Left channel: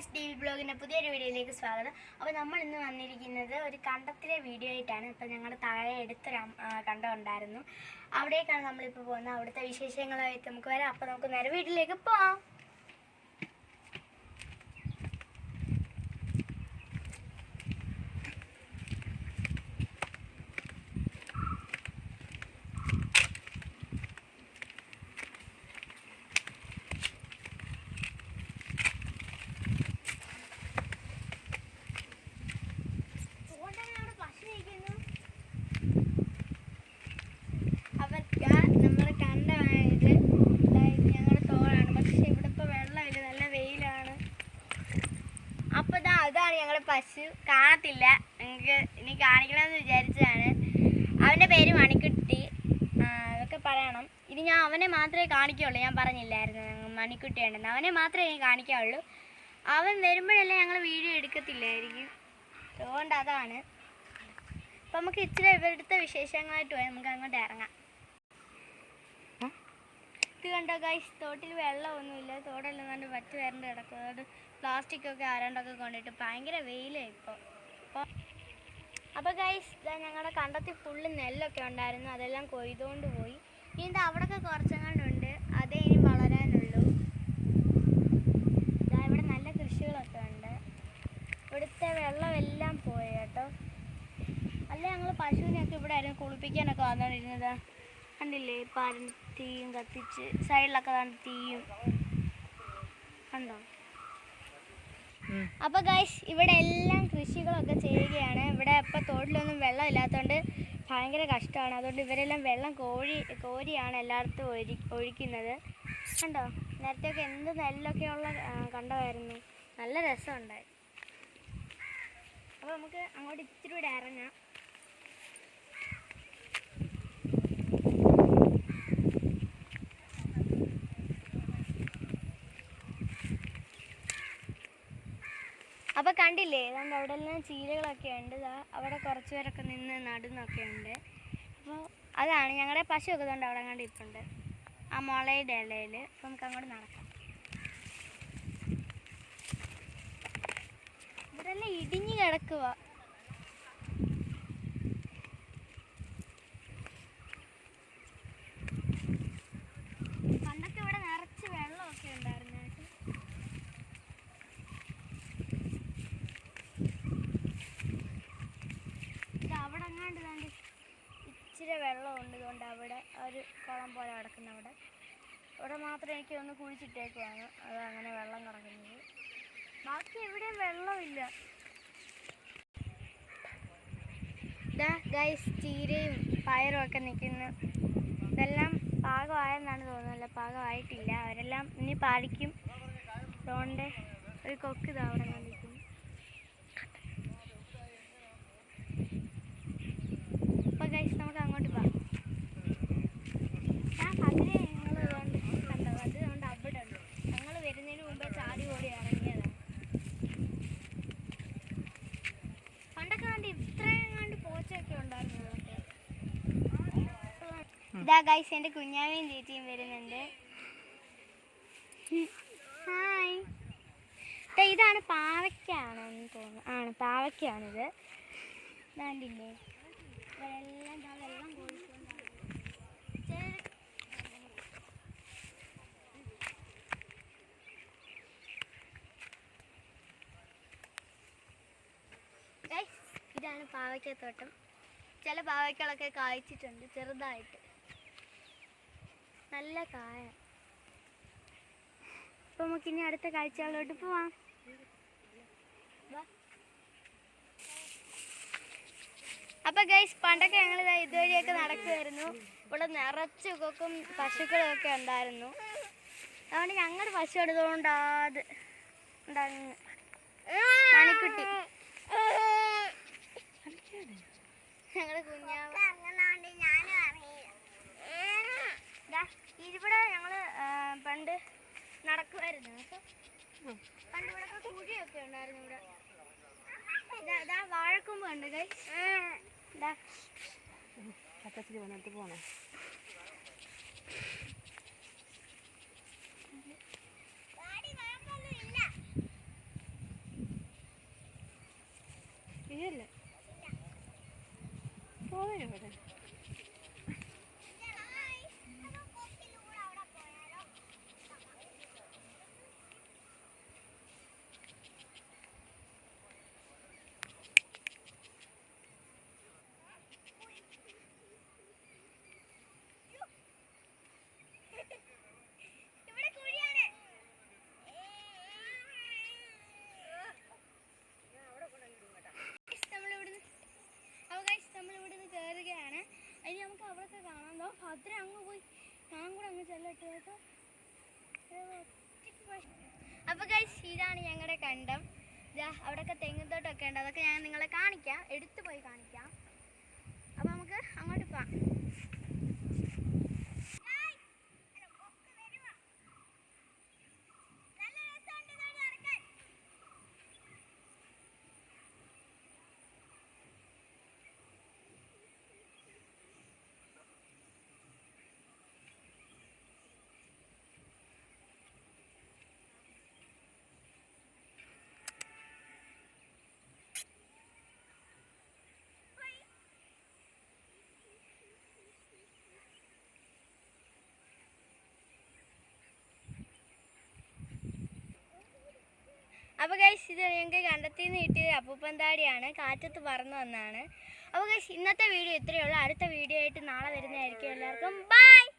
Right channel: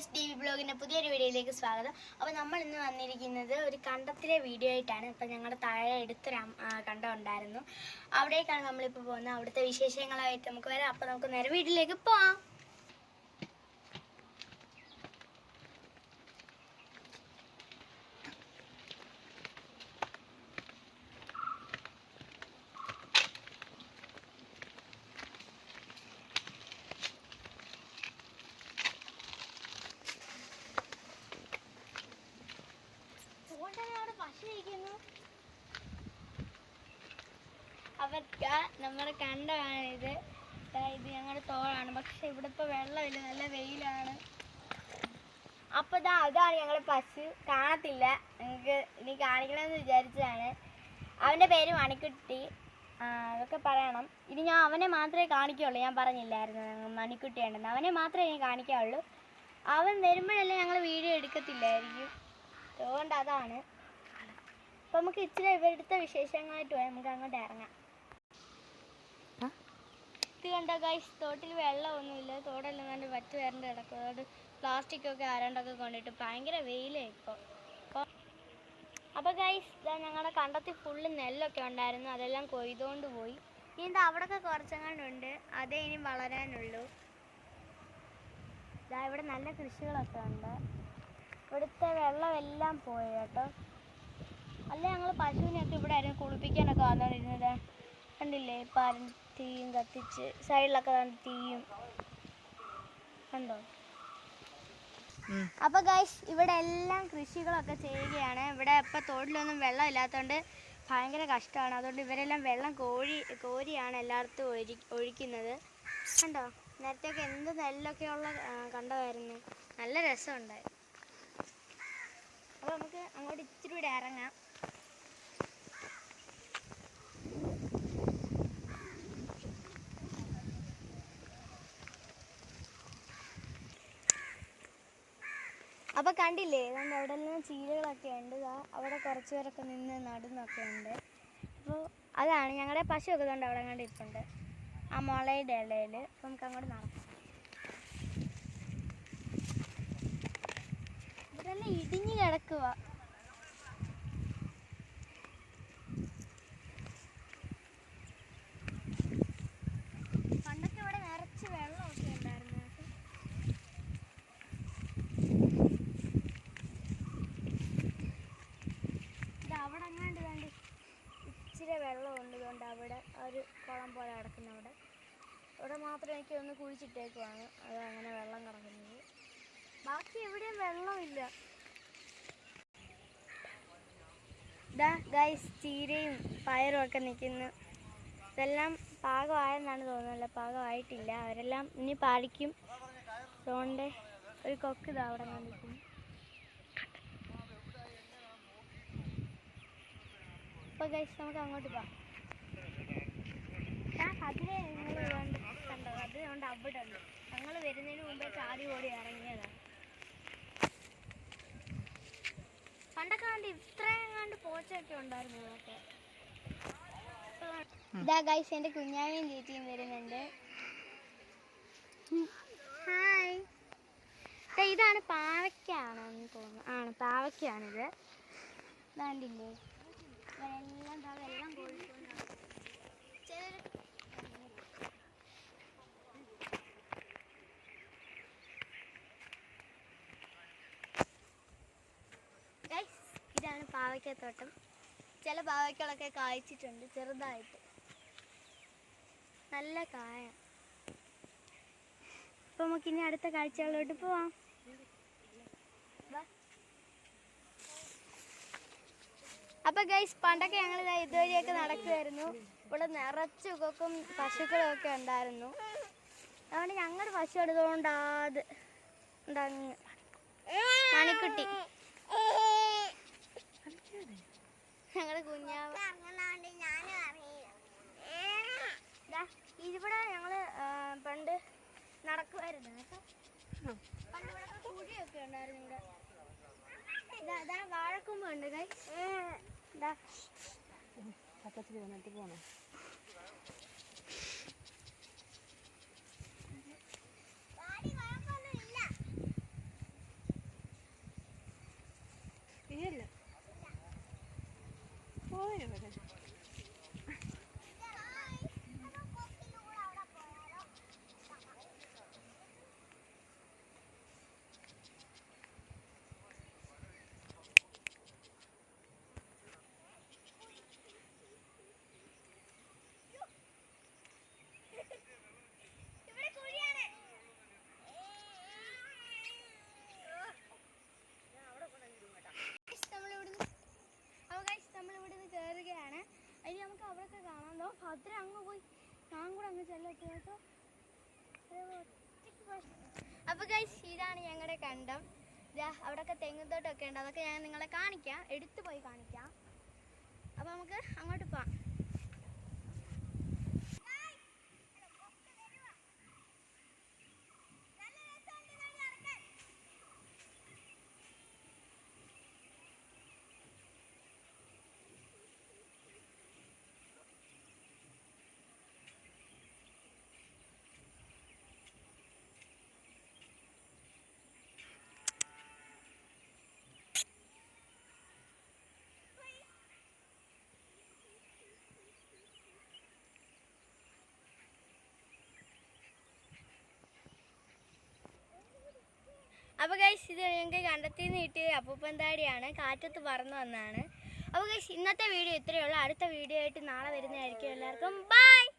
Guys T V ബ്ലോഗിൻ്റെ പുതിയൊരു വീഡിയോയിലേക്ക് സ്വാഗതം. അപ്പോൾ നമ്മൾ ഇന്ന് വന്നിരിക്കുന്നത് ഒരു കണ്ടത്തിലെ വീഡിയോ ആയിട്ടാണ്. ഇപ്പോൾ ഞങ്ങളുടെ താഴെ എടുത്തൊരു കണ്ടം ഉണ്ടായിരുന്നു, അവിടേക്കാണ് നമ്മളിപ്പോൾ പോകുന്നത്. അവിടുത്തെ വിശേഷങ്ങളായിട്ട് നമുക്ക് വരാം. അപ്പോൾ നമുക്ക് നേരെ വീട്ടിലേക്ക് പോവാം. നമ്മുടെ കണ്ടമാണിത്. ഇത് ഞങ്ങളുടെ തോടാണ്, പക്ഷെ ഇവിടെ ഇപ്പോൾ വെള്ളമില്ല, നല്ല വെയിലാണ്. അപ്പോൾ അതാണ് ഞങ്ങളുടെ പശു. കാണത്തില്ല, നിങ്ങൾക്ക് ഇനി കാണിക്കണമെന്ന് വിചാരിച്ചതാണ്. അവൻ്റെ പേര് മണിക്കുട്ടി. അതൊക്കെ പറയണം. ഇനി ഞാൻ അവനെ മാത്രമേ കാണിക്കുകയുള്ളൂ. ഞാൻ പറഞ്ഞില്ലായിരുന്നു മണിക്കുട്ടി ഉണ്ടെന്ന്. അവനെ മാത്രമേ ഞാൻ കാണിക്കാവുള്ളൂ. അവൻ വരുമ്പോഴല്ലേ ഞങ്ങൾ വീഡിയോ എടുക്കത്തില്ലായിരിക്കും. അതുകൊണ്ട് അതാണ്. അപ്പം നമുക്ക് ഇച്ചിരി ഇവിടുത്തെ വിശേഷങ്ങളായിട്ട് പോയാൽ നമുക്ക് അങ്ങോട്ട് ഇറങ്ങാം. ഇത് കണ്ടോ ഗൈസ്, തോട്ടിൽ വെള്ളമൊന്നുമില്ല. തോടെല്ലാം കണ്ട് വറ്റ് വരണ്ട് കിടക്കും. അതുകൊണ്ട് പ്ലാസ്റ്റിക്കൊക്കെ ആരാണ്ടൊക്കെ കൊണ്ടിട്ട് ഭയങ്കര വെയിലാണ് ഇപ്പോൾ. അപ്പോൾ ഗൈസ്, ഇതാ ഞങ്ങളുടെ കണ്ടത്തിൽ ഫുള്ള് നെല്ലൊക്കെ ഉണ്ടായിരുന്നു, അതെല്ലാം കൊയ്തുകൊണ്ട് പോയി. ഇനി അവിടെയൊക്കെ കുറച്ചെങ്ങാണ്ടുണ്ട്, അതേ ഇനി വളരാനുള്ളൂ. ഇതാ ഇവിടെ നല്ല കൃഷികളൊക്കെ ഉണ്ട്. ഇവിടുത്തെ വെള്ളമെല്ലാം പോയി കേട്ടോ. അല്ല, ഞങ്ങൾ പശുവിനെയൊക്കെ ഇവിടെ ആയിരുന്നു കുളിപ്പിക്കാനൊക്കെ വന്നിരുന്നത്. കണ്ടില്ലേ, പാലും തീയും കത്തിച്ച് സൈഡിലൊക്കെ കണ്ട് തീയും കണ്ടോ. അപ്പോൾ ഗൈസ്, ഇവിടെ എല്ലാം കൃഷികളൊക്കെ ചെയ്യുകയാണ്. ഇവിടെ ഇപ്പോൾ തോട്ടിലൊന്നും വെള്ളം ഇല്ലാത്തതുകൊണ്ട് ഭയങ്കര കഷ്ടമാണ്. അതുകൊണ്ട് ഇവരെല്ലാം വെള്ളം കോരിയാണ് എല്ലായിടത്തും ഒഴിക്കുന്നത്. കണ്ടോ, നേരത്തെയൊക്കെ എന്ത് നെല്ലൊക്കെയുള്ള കണ്ടമായിരുന്നു. നല്ല രസമുണ്ടായിരുന്നു. അപ്പോൾ നമുക്ക് അങ്ങോട്ട് ഇച്ചിരി കൂടെ ഇറങ്ങാം. അപ്പോൾ കണ്ടില്ലേ, നമ്മൾ അവിടെ എല്ലാം ചീരകളൊക്കെ ഉണ്ട്. അവിടെ കുറച്ച് പേരൊക്കെ നിന്ന് നടുന്നൊക്കെ ഉണ്ട്. അപ്പോൾ അതാണ് ഞങ്ങളുടെ പശുവൊക്കെ കൊണ്ട് അവിടെ കണ്ട് ഇരിപ്പുണ്ട്, ആ മുളയുടെ ഇലയിൽ. അപ്പോൾ നമുക്ക് അങ്ങോട്ട് നടക്കാം. ഇവിടെ എല്ലാം ഇടിഞ്ഞ് കിടക്കുക. പണ്ടൊക്കെ ഇവിടെ നിറച്ച് വെള്ളമൊക്കെ ഉണ്ടായിരുന്നു. അവിടെ അങ്ങാണ്ട് കണ്ട് ഇച്ചിരി വെള്ളമുണ്ട്. കൊണ്ട് അവിടെ ഒരു കുളം പോലെ കിടക്കുന്ന അവിടെ മാത്രം എനിക്ക് ഒന്ന് കുഴിച്ചിട്ടേക്കുവാണ്. അത് അങ്ങനെ വെള്ളം കിടക്കുന്നത്. ബാക്കി എവിടെയും വെള്ളമില്ല. ഇതാ ഗൈസ്, ചീരയും പയറും ഒക്കെ നിൽക്കുന്നു. ഇതെല്ലാം പാകമായെന്നാണ് തോന്നുന്നത്. പാകമായിട്ടില്ല, അവരെല്ലാം ഇനി പാലിക്കും. അതുകൊണ്ട് ഒരു കൊക്ക് ഇതാ അവിടെ നിൽക്കുന്നു. ഗൈസ്, നമുക്ക് അങ്ങോട്ട് പോകാം. അതിലെ നിങ്ങൾ കണ്ടോ, അതുകൊണ്ട് അവിടെ ഉണ്ട്. ഞങ്ങൾ വരുന്നതിന് മുമ്പേ ചാടി ഓടി ഇറങ്ങിയതാണ്. പണ്ടൊക്കെ കണ്ട് ഇത്രയും കണ്ട് പോച്ചയൊക്കെ ഉണ്ടായിരുന്നു അതൊക്കെ. ഇതാ ഗൈസ്, എൻ്റെ കുഞ്ഞാവയും ചേച്ചിയും വരുന്നുണ്ട്. ഹായ്. ഇതാണ് പാവയ്ക്കാണെന്ന് തോന്നുന്നു. ആണ്, പാവയ്ക്കാണിത്. വേണ്ടില്ലേ, വെള്ളം കോഴിക്കൊണ്ടാണ്. ഇതാണ് പാവയ്ക്കത്തോട്ടം. ചില പാവയ്ക്കളൊക്കെ കായ്ച്ചിട്ടുണ്ട് ചെറുതായിട്ട്, നല്ല കായ. അപ്പോൾ നമുക്കിനി അടുത്ത കാഴ്ചകളിലോട്ട് പോവാം. അപ്പോൾ ഗൈസ്, പണ്ടൊക്കെ ഞങ്ങൾ ഇതുവഴിയൊക്കെ നടക്കുമായിരുന്നു. ഇവിടെ നിറച്ച് കൊക്കും പശുക്കളൊക്കെ ഉണ്ടായിരുന്നു. അതുകൊണ്ട് ഞങ്ങളുടെ പശു എടുത്തുകൊണ്ട് അത് ഉണ്ടാകുന്നു മണിക്കുട്ടി, ഞങ്ങളുടെ കുഞ്ഞാവ്. ഇവിടെ ഞങ്ങൾ പണ്ട് നടക്കുമായിരുന്നു. പണ്ട് ഇവിടെ കുഴിയൊക്കെ ഉണ്ടായിരുന്നു. ഇവിടെ ഇതാ വാഴക്കൊമ്പ് ഉണ്ട് ഗൈസ്. പക്കത്തിൽ വന്നിട്ട് പോണോ. അപ്പൊ ഗൈസ് ഇതാണ് ഞങ്ങളുടെ കണ്ടം. അവിടെയൊക്കെ തെങ്ങുന്തോട്ടമൊക്കെ ഉണ്ട്. അതൊക്കെ ഞാൻ നിങ്ങളെ കാണിക്കാം, എടുത്തു പോയി കാണിക്കാം. അപ്പൊ നമുക്ക് അങ്ങോട്ട് പോവാം. അപ്പോൾ ഗൈസ് ഇത് ഞങ്ങൾക്ക് കണ്ടെത്തി നിന്ന് കിട്ടിയത് അപ്പൂപ്പന്താടിയാണ്, കാറ്റത്ത് പറന്നു വന്നതാണ്. അപ്പോൾ ഗൈസ് ഇന്നത്തെ വീഡിയോ ഇത്രയേ ഉള്ളൂ. അടുത്ത വീഡിയോ ആയിട്ട് നാളെ വരുന്നതായിരിക്കും. എല്ലാവർക്കും ബൈ.